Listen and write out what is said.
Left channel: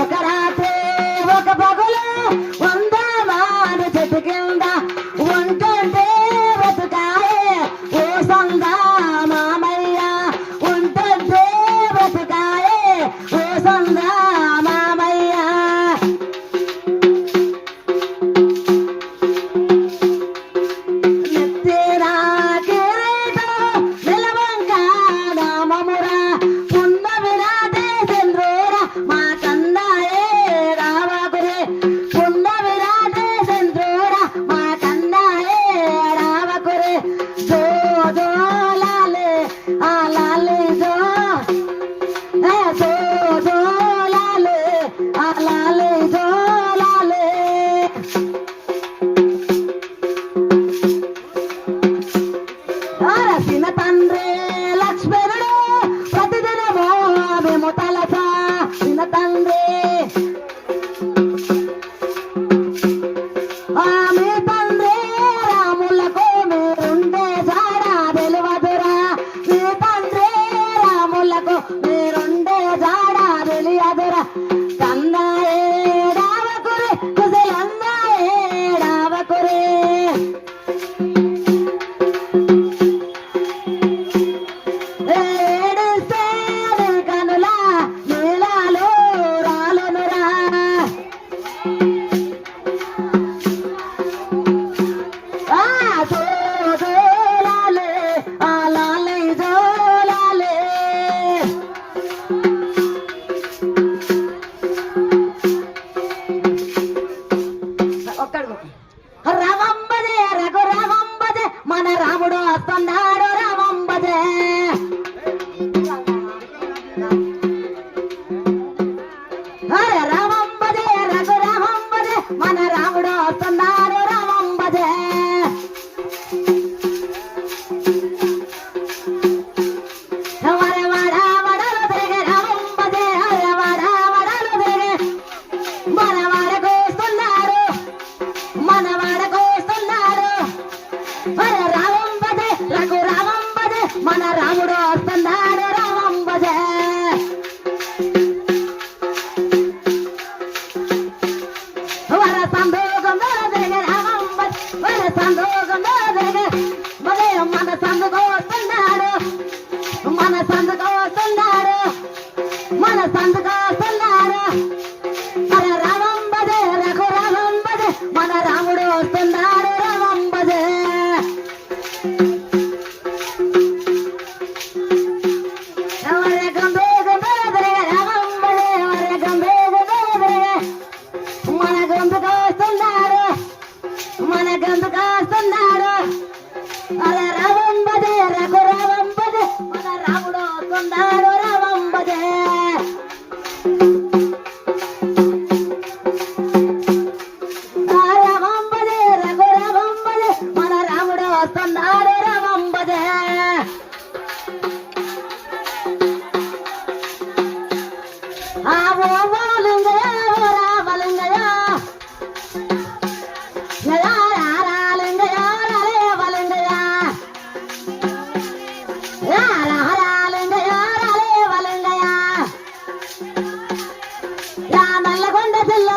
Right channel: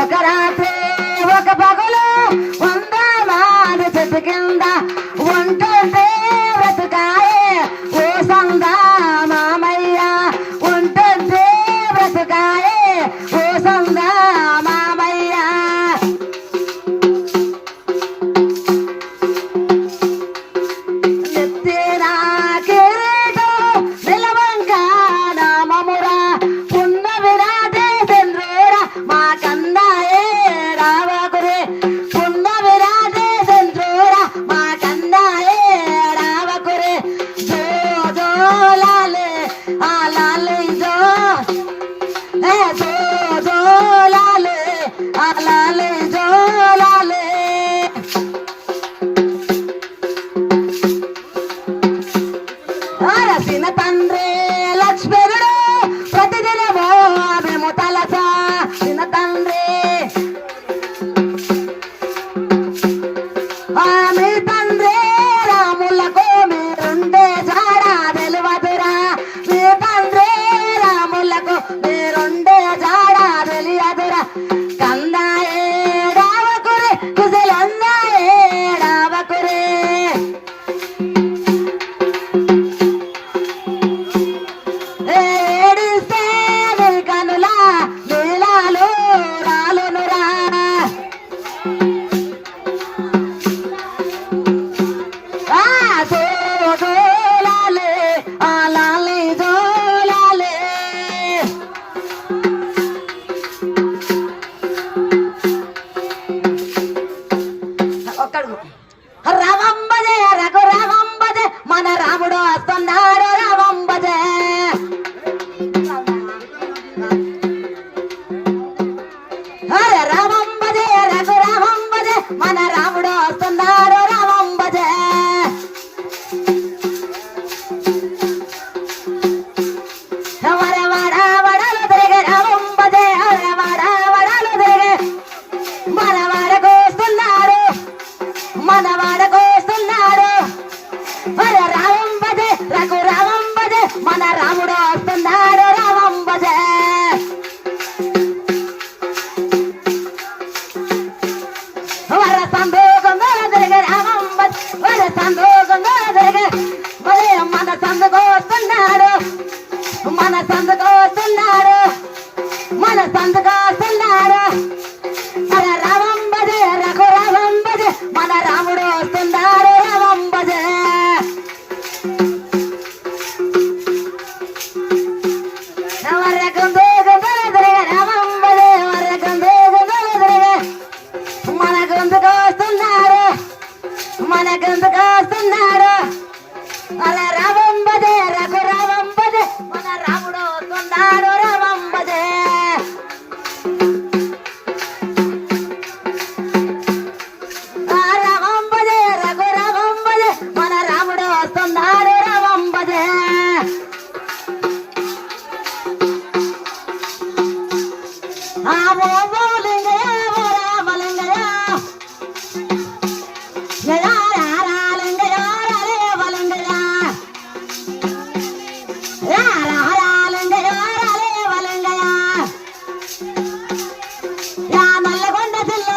ఒక రాత్రి ఒక పగులు వందమాన చెట్టు కింద ఉంటుంటే బ్రతుకాయే ఓ సందా మామయ్య ఉంటుంటే బ్రతుకాయే ఓ సందా మామయ్య ఎత్తేరా కిరీటం నిలవంగా నామమురా పున్న విరాటే చంద్రేరా మా కన్నాయే రావకురే పున్న విరాటే చంద్రేరా మా కన్నాయే రావకురే జో జో లాలే ఆ లాలే జో ఏ జో జో లాలే ఆ లాలే జో లాలే అరసిన తండ్రి లక్ష్మణుడు ప్రతిదినమో మేము తలసా చిన్న తండ్రి మీ తండ్రి రాములకు మీరుండే జాడ తెలియదురా మీ తండ్రి రాములకు మీరుండే జాడ తెలియదురా కన్నాయే రావకురే కుశలన్నాయే రావకురే ఏడిస్తే నీ కనుల నీలాలు రాలునురా ఆ జోలాలే ఆ లాలే జోలాలే ఒక్కడు రావంబజే రఘు రావంబజే మన రాముడు వస్తున్నాడు రావంబజే అరే రావంబజే రఘు రావంబజే మన రాముడు వస్తున్నాడు రావంబజే వర వడ వడలు తిరిగే రావంబజే అరే వడ వడలు తిరిగే మన వాడకు వస్తున్నాడు మన వాడకు వస్తున్నాడు అరే రావంబజే రఘు రావంబజే మన రాముడు వస్తున్నాడు రావంబజే వర సందోగం తిరిగే రావంబజే వర సందోగం తిరిగే మరి మన సందుకు వస్తున్నాడు మన సందుకు వస్తున్నాడు మన సందుకు వస్తున్నాడు అరే రావంబజే రఘు రావంబజే మన రాముడు వస్తున్నాడు రావంబజే మన గందుకు వస్తున్నాడు అలా రావంబజే రఘు రావంబజే మన రాముడు వస్తున్నాడు రావంబజే రావంబజే రఘు రావంబజే మన రాముడు వస్తున్నాడు రావంబజే ఓ లింగయ్య ఓ రామలింగయ్య లింగయ్య రాలే వలింగయ్య లింగయ్య రాలే వలింగయ్య నల్లగొండ జిల్లా